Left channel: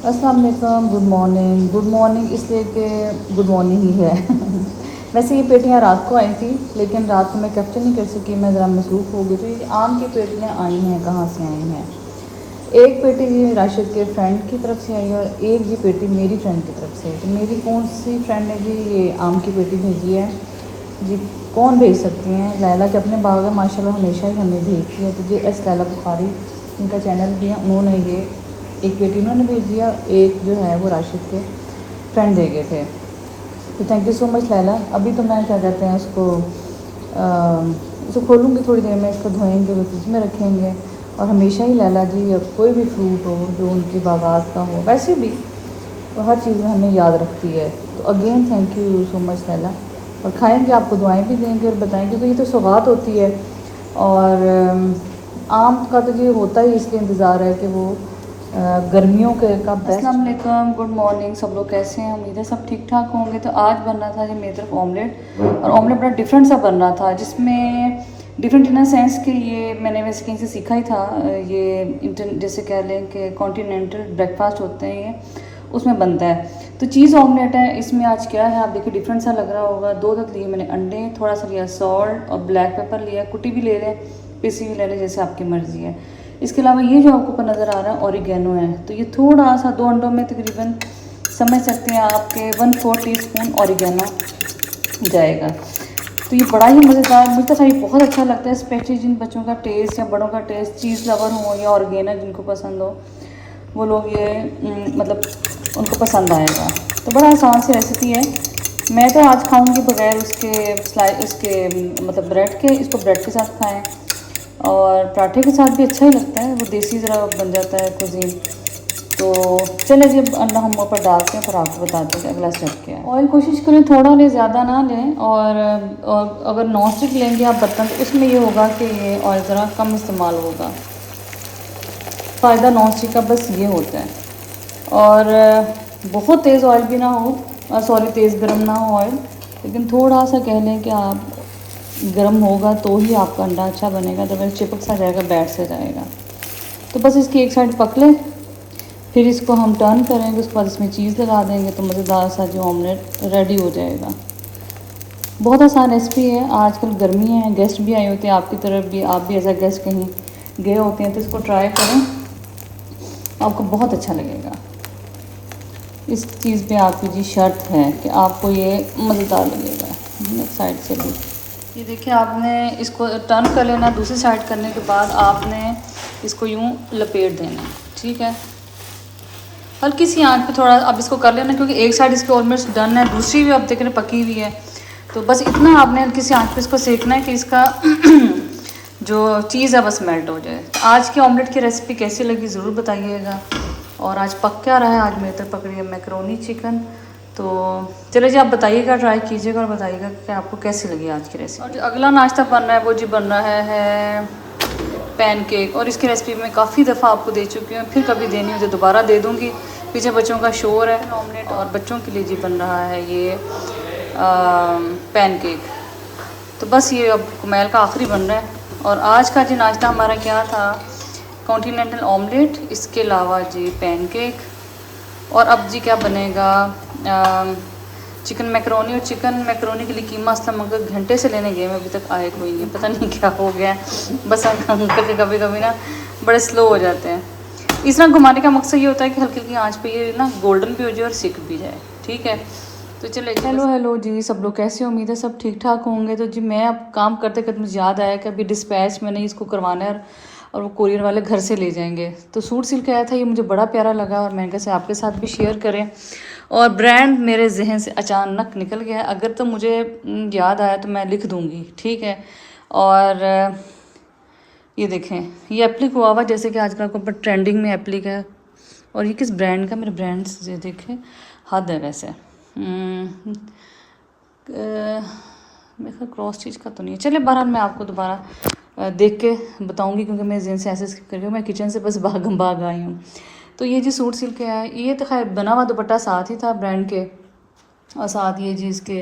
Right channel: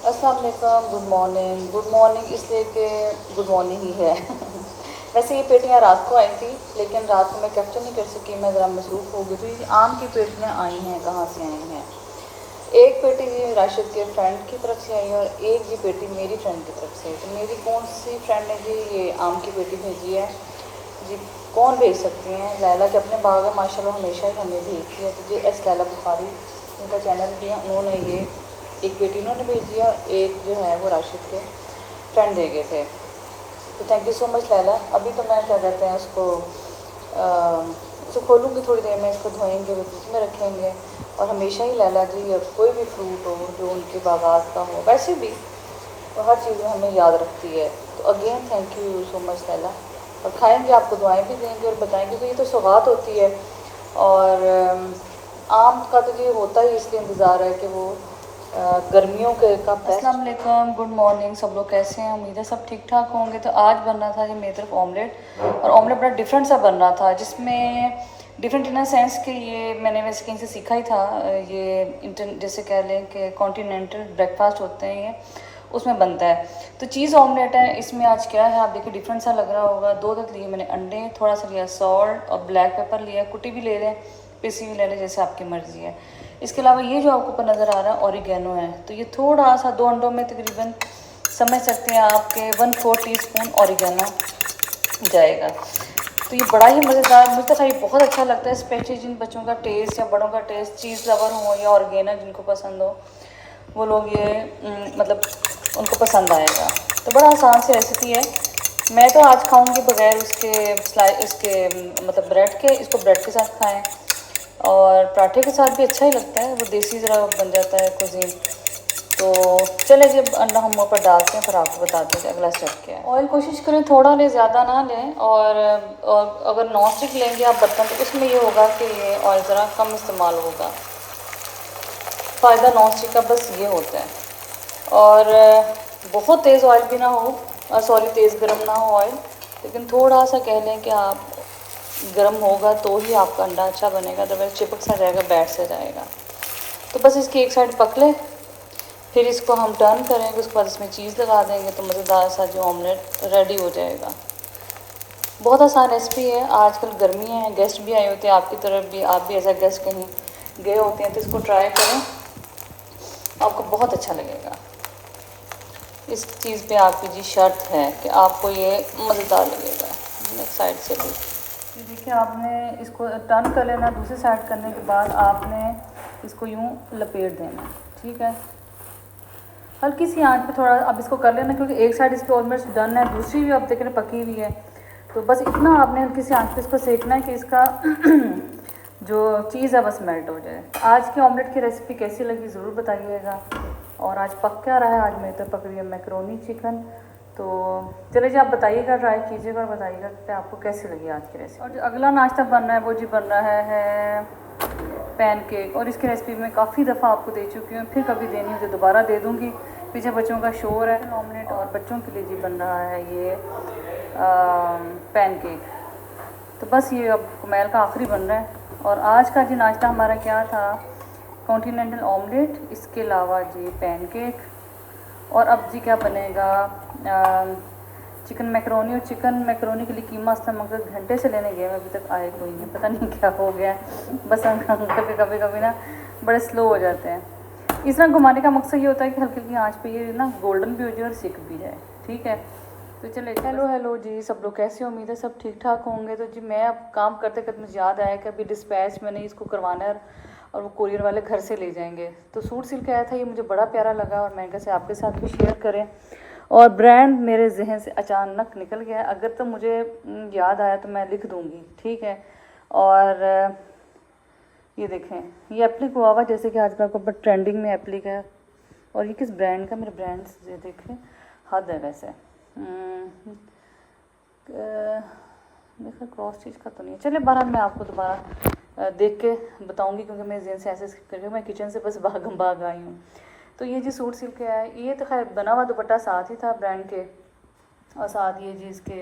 अस्सलाम वालेकुम, good morning इसलिए कि गुड मॉर्निंग ही है। वैसे ये पेटियाँ रात को आई थी, लेकिन रात को मैं कैप्चर नहीं कर सकी, मैं ज़रा मसरूफ़ हो गई। तो ये आम की पेटियाँ आई हैं, कहाँ से आई हैं? एक पेटी जी राशिद के फ्रेंड की तरफ से आई और एक जी पेटी मेरी फ्रेंड की तरफ से। तो मेरी कौन सी फ्रेंड ने जी ये आम की पेटी भेजी है जी? कौन भेज सकती हैं? लैला के अपने बाग में माशाल्लाह हमेशा ही हमें भेजती है। तो जी एस लैला बुखारी, उनका चैनल भी है, उन्होंने ये एक पेटी इन्होंने भेज दिया, एक जो है वो राशिद के फ्रेंड दे गए थे। तो thank you so much Laila. अभी तो मैं क्या कहते हैं उसको खोलूँगी थोड़ी देर में, इसको धोएंगे और फ्रिज में रखेंगे। और हमेशा ही लैला जी कोई भी फ्रूट हो जो उनकी बागात का हो, वैसे भी तो हर चीज़ में हमें याद रखती है। तो again thank you so much Laila. और खाएंगे, आपको दुआएं भी देंगे और बताएंगे, क्योंकि ये तो सौगात होती है। और आम का तो ये होता ही इसलिए इंतज़ार है कि वो गर्मियों के का बेस्ट। अस्सलाम वालेकुम, गुड मॉर्निंग, सब लोग कैसे हैं? उम्मीद है सब ठीक ठाक होंगे। तो आज बन रहा था जी मेरी तरफ ऑमलेट, और ऑमलेट बड़ा डिफरेंट सा बन रहा था, जिसमें डिफरेंट इन सेंस कि ये मैंने वैसे कहीं से सीखा ही था। ये जैसे कह लें कि कॉन्टिनेंटल ब्रेकफास्ट होते हैं ये, उसमें बनता है। तो चीज़ ऑमलेट है। इसमें आज क्या है आप देखिए, डिफरेंट सा लग रहा होगा। दो लिए मैंने अंडे, थोड़ा सा लिया सॉल्ट और ब्लैक पेपर लिया, कुटी भी ले लें, पिसी भी ले लें, जैसे आपकी मर्ज़ी है। इसके अलावा ये जो आपको नज़र आ रहा है ऑरिगेनो है। तो ये थोड़ा सा 2 अंडों में तकरीबन समझ सकते हैं आपके 1/4 टीस्पून ऑरिगेनो जाएगा। तो ये बड़ा ही मज़ेदार, मुझे तो ये बहुत अच्छा लगता है, स्पेशली जिन बच्चों का टेस्ट या बड़ों का टेस्ट चीज़ लवर हो या ऑर्गेनो जिनको पसंद हो, वो लोग ये मतलब उनको पसंद आएगा। तो बड़ा आसान सी रेसिपी है। मैं तो आज खाऊंगी बगैर इसके मतलब ब्रेड के। इसको ब्रेड के साथ खाएं और पराठे के साथ भी अच्छा ही लगता है, वो देसी ज़रा बन जाता है कुजीन। तो चले जब अंडा हम ऊपर डालते हैं फिर आपको बताते हैं अगला स्टेप क्या है। ऑयल कोशिश करें थोड़ा लें, ज़्यादा ना लें। और अगर नॉन स्टिक लेंगे आप बर्तन, तो उसमें ये होगा कि ये ऑयल ज़रा कम इस्तेमाल होगा। फ़ायदा नॉन स्टिक का बस ये होता है। और बहुत तेज़ ऑयल भी ना हो, सॉरी तेज़ गर्म ना हो ऑयल, लेकिन थोड़ा सा कह लें कि आप गर्म होगा तो ही आपका अंडा अच्छा बनेगा, तो वैसे चिपक सा जाएगा, बैठ से जाएगा। तो बस इसकी एक साइड पक ले, फिर इसको हम टर्न करेंगे, उसके बाद इसमें चीज़ लगा देंगे, तो मज़ेदार सा जो ऑमलेट रेडी हो जाएगा। बहुत आसान रेसिपी है। आजकल गर्मी है, गेस्ट भी आए होते हैं आपकी तरफ भी, आप भी एज अ गेस्ट कहीं गए होते हैं, तो इसको ट्राई करें, आपको बहुत अच्छा लगेगा। इस चीज़ पे आपकी जी शर्त है कि आपको ये मज़ेदार लगेगा। साइड से भी ये देखिए, आपने इसको टर्न कर लेना। दूसरी साइड करने के बाद आपने इसको यूँ लपेट देना, ठीक है। हल्की सी आंच पे थोड़ा अब इसको कर लेना, क्योंकि एक साइड इसकी ऑलमोस्ट डन है, दूसरी भी आप देख रहे पकी हुई है। तो बस इतना आपने हल्की सी आंच पे इसको सेकना है कि इसका जो चीज़ है बस मेल्ट हो जाए। तो आज की ऑमलेट की रेसिपी कैसी लगी ज़रूर बताइएगा। और आज पक क्या रहा है? आज मेरे तरफ पक रही है मैकरोनी चिकन। तो चलो जी, आप बताइएगा, ट्राई कीजिएगा और बताइएगा कि आपको कैसी लगी आज की रेसिपी। और जो अगला नाश्ता बन रहा है वो जी बन रहा है पैनकेक। और इसकी रेसिपी मैं काफ़ी दफ़ा आपको दे चुकी हूँ, फिर कभी देनी हो तो दोबारा दे दूँगी। पीछे बच्चों का शोर है। ऑमलेट और बच्चों के लिए जी बन रहा है ये पैनकेक। तो बस ये अब कुमैल का आखिरी बन रहा है। और आज का जी नाश्ता हमारा क्या था? कॉन्टिनेंटल ऑमलेट, इसके अलावा जी पैनकेक। और अब जी क्या बनेगा? Chicken macaroni. और चिकन मैकरोनी के लिए कीमा असलम मगर घंटे से लेने गए, मैं अभी तक आए कोई नहीं, पता नहीं क्या हो गया। बस अंकल कभी कभी ना बड़े स्लो हो जाते हैं। इस तरह घुमाने का मकसद ये होता है कि हल्की हल्की आंच पे ये ना गोल्डन भी हो जाए और सिक भी जाए, ठीक है। तो चले, हेलो जी, सब लोग कैसे? उम्मीद है सब ठीक ठाक होंगे। तो जी मैं अब काम करते करते मुझे याद आया कि अभी डिस्पैच मैंने इसको करवाना है, और वो कोरियर वाले घर से ले जाएंगे। तो सूट सिल के आया था, ये मुझे बड़ा प्यारा लगा और मैंने कहा आपके साथ भी शेयर करें। और ब्रांड मेरे जहन से अचानक निकल गया, अगर तो मुझे याद आया तो मैं लिख दूँगी, ठीक है। और ये देखें, ये एप्लिक हुआ हुआ, जैसे कि आजकल को ऊपर ट्रेंडिंग में एप्लिक है। और ये किस ब्रांड का? मेरे ब्रांड ये देखें, हद है वैसे। मेरे ख्याल क्रॉस चीज़ का तो नहीं है। चले, बहरहाल मैं आपको दोबारा देख के बताऊंगी, क्योंकि मेरे जहन से ऐसे करके मैं किचन से बस भाग आई हूँ। तो ये जी सूट सिल के आया, ये तो खैर बना हुआ दुपट्टा साथ ही था ब्रांड के, और साथ ये जी इसके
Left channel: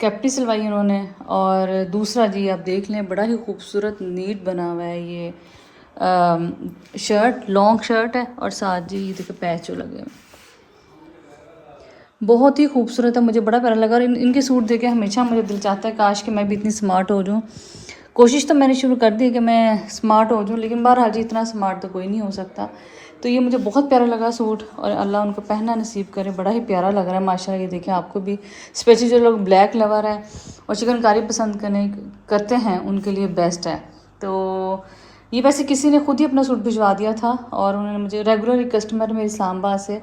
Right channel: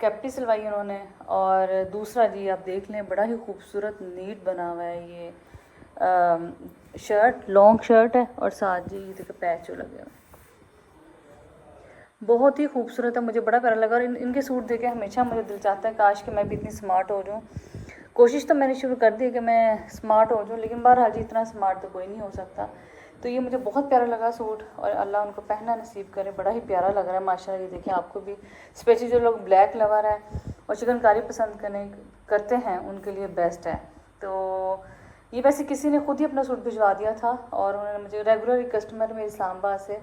कैप्टी सिलवाई उन्होंने। और दूसरा जी आप देख लें, बड़ा ही खूबसूरत नीट बना हुआ है ये शर्ट, लॉन्ग शर्ट है, और साथ जी ये देखो पैच जो लगे हुए। बहुत ही खूबसूरत है, मुझे बड़ा प्यारा लगा। और इनके सूट देखे हमेशा मुझे दिल चाहता है काश कि मैं भी इतनी स्मार्ट हो जाऊँ। कोशिश तो मैंने शुरू कर दी कि मैं स्मार्ट हो जाऊँ, लेकिन बहरहाल जी इतना स्मार्ट तो कोई नहीं हो सकता। तो ये मुझे बहुत प्यारा लगा सूट, और अल्लाह उनको पहनना नसीब करे। बड़ा ही प्यारा लग रहा है माशाल्लाह। ये देखें आपको भी, स्पेशली जो लोग ब्लैक लवर हैं और चिकनकारी पसंद करते हैं उनके लिए बेस्ट है। तो ये वैसे किसी ने खुद ही अपना सूट भिजवा दिया था, और उन्होंने मुझे, रेगुलर कस्टमर मेरे इस्लामाबाद से,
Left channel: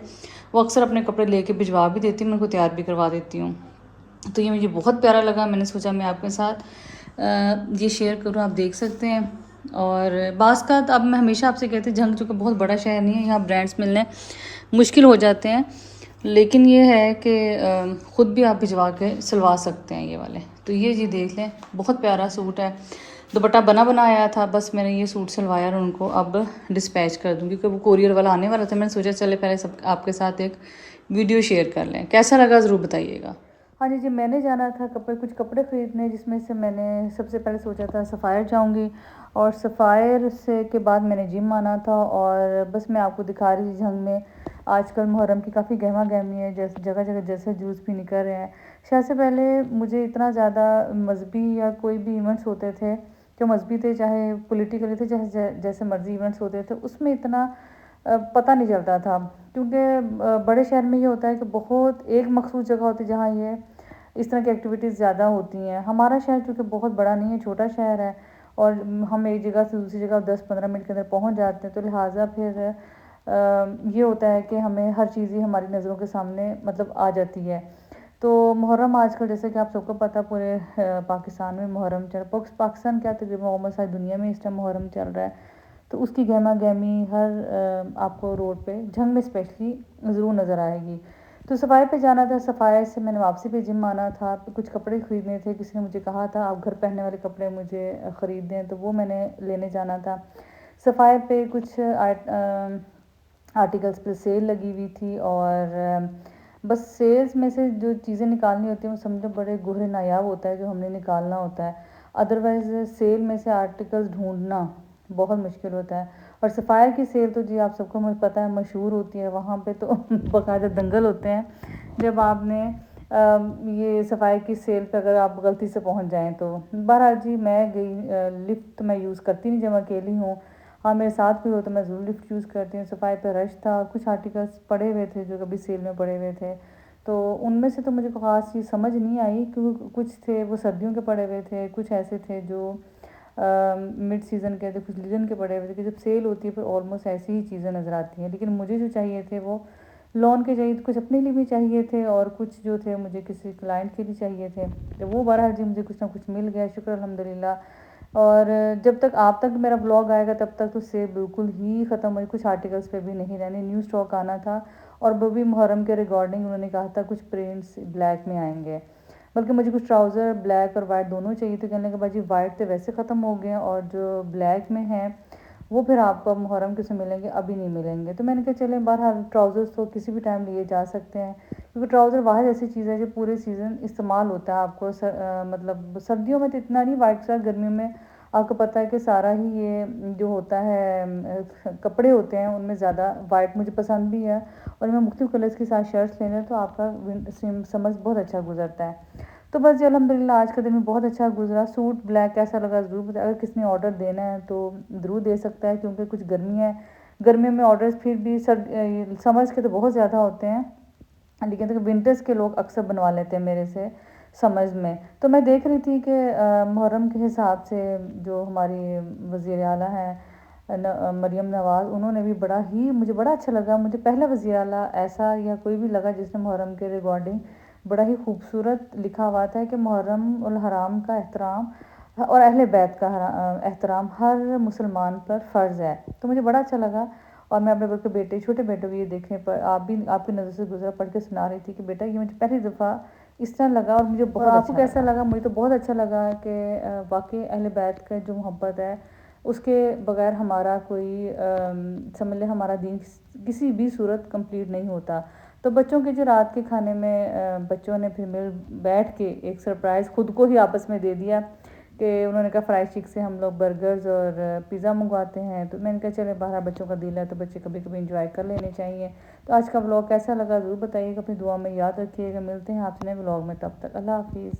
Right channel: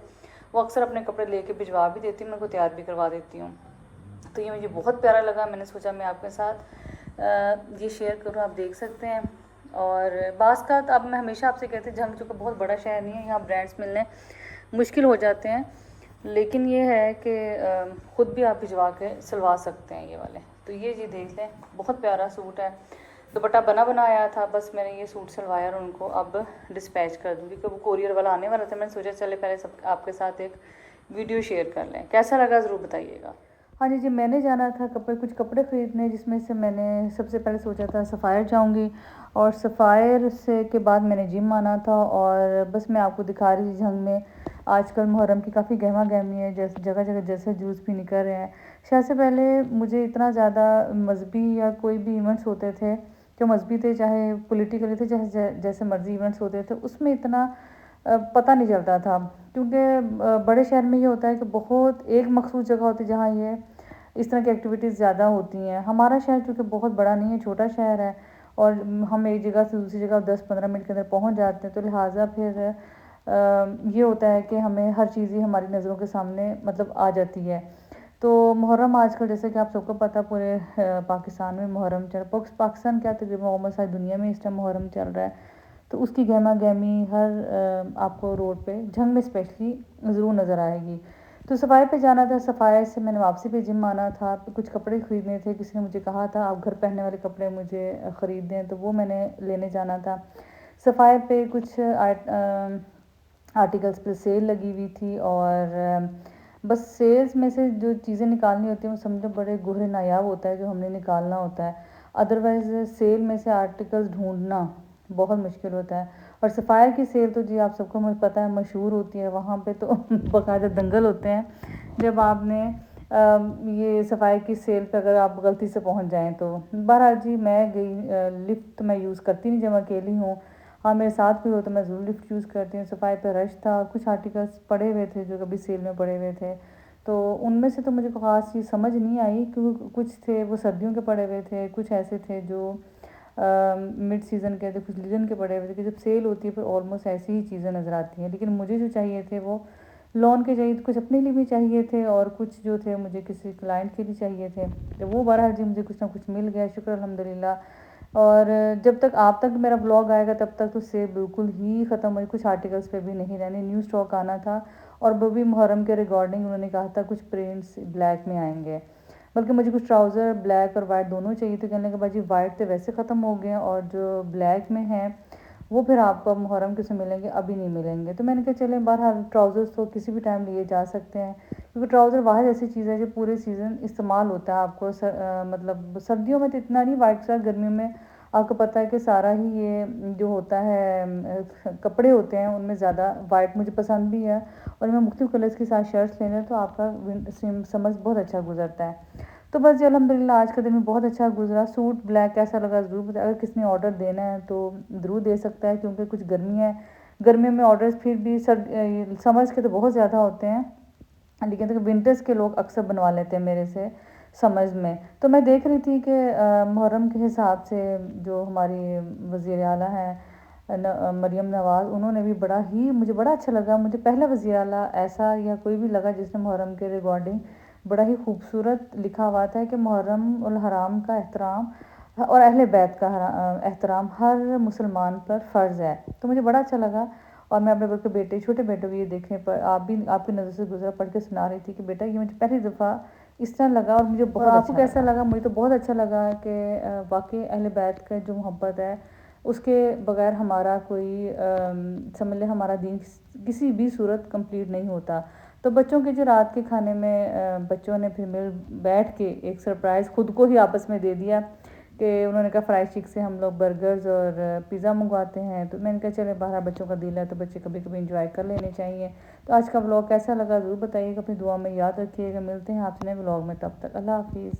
वो अक्सर अपने कपड़े लेके भिजवा भी देती हूँ, मैं उनको तैयार भी करवा देती हूँ। तो ये मुझे बहुत प्यारा लगा, मैंने सोचा मैं आपके साथ ये शेयर करूँ, आप देख सकते हैं। और बाज़ का अब मैं हमेशा आपसे कहती हूँ, झंग चूँकि बहुत बड़ा शहर नहीं है, यहाँ ब्रांड्स मिलने मुश्किल हो जाते हैं, लेकिन ये है कि ख़ुद भी आप भिजवा के सिलवा सकते हैं ये वाले। तो ये जी देख लें, बहुत प्यारा सूट है, दुपट्टा बना बनाया था, बस मैंने ये सूट सिलवाया और उनको अब डिस्पैच कर दूँगी, क्योंकि वो कोरियर वाला आने वाला था। मैंने सोचा चले पहले सब आपके साथ एक वीडियो शेयर कर लें। कैसा लगा ज़रूर बताइएगा। हाँ जी, मैंने जाना था कुछ कपड़े ख़रीदने, जिसमें से मैंने सबसे पहले सोचा था सफ़ायर जाऊंगी, और सफ़ायर से के बाद मैंने जिम आना था। और बस मैं आपको दिखा रही थी झंग में आजकल मुहर्रम की काफ़ी गहमा गहमी है, जैसे जगह जगह जैसे जूस भी निकल रहे हैं। शायद से पहले मुझे इतना ज़्यादा मजहबी या कोई भी इवेंट्स होते थे जो मजहबी थे, चाहे पॉलिटिकली थे, जैसे मर्जी इवेंट्स होते थे, उसमें इतना पता नहीं चलता था। क्योंकि बड़े शहर में ये होता है कि बहुत एक मखसूस जगह होती है जहाँ ये इस तरह की एक्टिविटीज़ ज़्यादा होती हैं। हमारा शहर चूँकि बहुत बड़ा नहीं है, छोटा शहर है, और हम एक जगह से दूसरी जगह 10-15 मिनट के अंदर पहुँच जाते हैं। तो लिहाजा फिर ये होता है कि हमें हर चीज़ ही हमारी नज़रों के सामने मतलब आ जाती है। तो मुहर्रम आजकल, जैसे कि आप सबको पता, पूरे पाकिस्तान में मुहर्रम पाकिस्तान क्या, तकरीबन ऑलमोस्ट सारी दुनिया में इस टाइम मुहर्रम चल रहा है। तो उसकी गहमा गहमी हर आपको रोड पे, झंग में स्पेशली, ज़रूर नज़र आएगी। तो सफ़ाई पे जाना था, सफ़ाई से मैंने वापसी पे जिम आना था, कुछ कपड़े ख़रीदने थे। किसी ने मुझे कहा था आप घर पहनने वाले कपड़े मुझे ख़रीद दें, तो वो मैंने लेने जाना था। सफ़ाई पे कुछ आर्टिकल्स पे सेल लगी हुई थी, और बस सेल्स में से जो चीज़ें निकालनी होती हैं वो समझो बड़े गुहरे नायाब होता है जो हमने निकालना होता है। अदरवाइज़ सेल में से आर्टिकल्स ढूंढना बहुत मुश्किल होता है। और सफ़ायर की सेल तो जी आप सबको मुझे पता है मशहूर होती है, वहाँ पे तो बाकायदा दंगल होते हैं जब आपने ये सफ़ाई की सेल पे अगर आप गलती से पहुँच जाएँ तो। बहरहाल जी मैं गई, लिफ्ट मैं यूज़ करती नहीं जब मैं अकेली हूँ। हाँ, मेरे साथ भी हो तो मैं ज़रूर लिफ्ट यूज़ करती हूँ। सफ़ाई पे रश था और कुछ आर्टिकल्स पड़े हुए थे जो कभी सेल में पड़े हुए थे, तो उनमें से तो मुझे कोई ख़ास चीज़ समझ नहीं आई, क्योंकि कुछ थे वो सर्दियों के पड़े हुए थे, कुछ ऐसे थे जो मिड सीज़न के थे, कुछ लीजन के पड़े हुए थे। कि जब सेल होती है फिर ऑलमोस्ट ऐसी ही चीज़ें नज़र आती हैं। लेकिन मुझे जो चाहिए थे वो लॉन के चाहिए थे, कुछ अपने लिए भी चाहिए थे, और कुछ जो थे मुझे किसी क्लाइंट के लिए चाहिए थे। तो वो बहरहाल जी मुझे कुछ ना कुछ मिल गया, शुक्र अल्हम्दुलिल्लाह। और जब तक आप तक मेरा ब्लॉग आएगा तब तक तो सेल बिल्कुल ही ख़त्म हुई, कुछ आर्टिकल्स पे भी नहीं रहने, न्यू स्टॉक आना था। और वो भी मुहर्रम के रिगार्डिंग उन्होंने कहा था कुछ प्रिंट्स ब्लैक में आएंगे, बल्कि मुझे कुछ ट्राउज़र ब्लैक और वाइट दोनों चाहिए थे। कहने के बाद जी वाइट तो वैसे ख़त्म हो गए हैं, और जो ब्लैक में हैं वो फिर आपको मुहर्रम के से मिलेंगे, अभी नहीं मिलेंगे। तो मैंने कहा चले बहरहाल ट्राउज़र्स तो किसी भी टाइम लिए जा सकते हैं, क्योंकि ट्राउज़र वाहिद ऐसी चीज़ है जो पूरे सीज़न इस्तेमाल होता है। आपको मतलब सर्दियों में तो इतना नहीं, वाइट साथ गर्मियों में आपको पता है कि सारा ही ये जो होता है कपड़े होते हैं उनमें ज़्यादा वाइट मुझे पसंद भी है, और मैं मुख्तलिफ़ कलर्स के साथ शर्ट्स लेने तो आपका समझ बहुत अच्छा गुजरता है। तो बस जी अल्हम्दुलिल्लाह आज का दिन भी बहुत अच्छा गुजरा। सूट ब्लैक कैसा लगा ज़रूर बताएं, अगर किसी ने ऑर्डर देना है तो ज़रूर दे सकता है, क्योंकि कुछ गर्मी है, गर्मियों में ऑर्डर्स फिर भी समर्स के तो बहुत ज़्यादा होते हैं, लेकिन तो विंटर्स के लोग अक्सर बनवा लेते हैं मेरे से समझ में। तो मैं देख रही थी कि मुहर्रम के हिसाब से जो हमारी वज़ीर आला हैं मरियम नवाज़, उन्होंने भी बड़ा ही, मुझे बड़ा अच्छा लगा। मुझे पहला वज़ीर आला ऐसा या कोई भी लगा जिसने मुहर्रम के रिगार्डिंग बड़ा ही खूबसूरत लिखा हुआ था कि मुहर्रम उल हराम का एहतराम और अहले बैत का एहतराम हर मुसलमान पर फ़र्ज़ है। तो मुझे बड़ा अच्छा लगा, और मैं अपने बल्कि बेटे, छोटे बेटे को ये देखने पर आप भी आपकी नज़र से गुजरा पढ़ के सुना रही थी कि बेटा ये मुझे पहली दफ़ा इस तरह लगा, और मुझे बहुत आपको कैसा लगा? मुझे तो बहुत अच्छा लगा कि वाकई अहले बैत का जो मोहब्बत है उसके बगैर हमारा कोई समझ लें हमारा दीन किसी भी सूरत कंप्लीट नहीं होता। तो बच्चों के जो रात के खाने में बच्चों ने फिर मिल बैठ के एक सरप्राइज़ खुद को ही आपस में दे दिया कि उन्होंने कहा फ्राई चिक से हम लोग बर्गर्स और पिज़्ज़ा मंगवाते हैं। तो मैंने कहा चले 12 बच्चों का दिल है तो बच्चे कभी कभी इंजॉय कर लेने चाहिए। तो आज का व्लॉग कैसा लगा ज़रूर बताइएगा, अपनी दुआ में याद रखिएगा। मिलते हैं आपसे नए व्लॉग में, तब तक अल्लाह हाफिज़।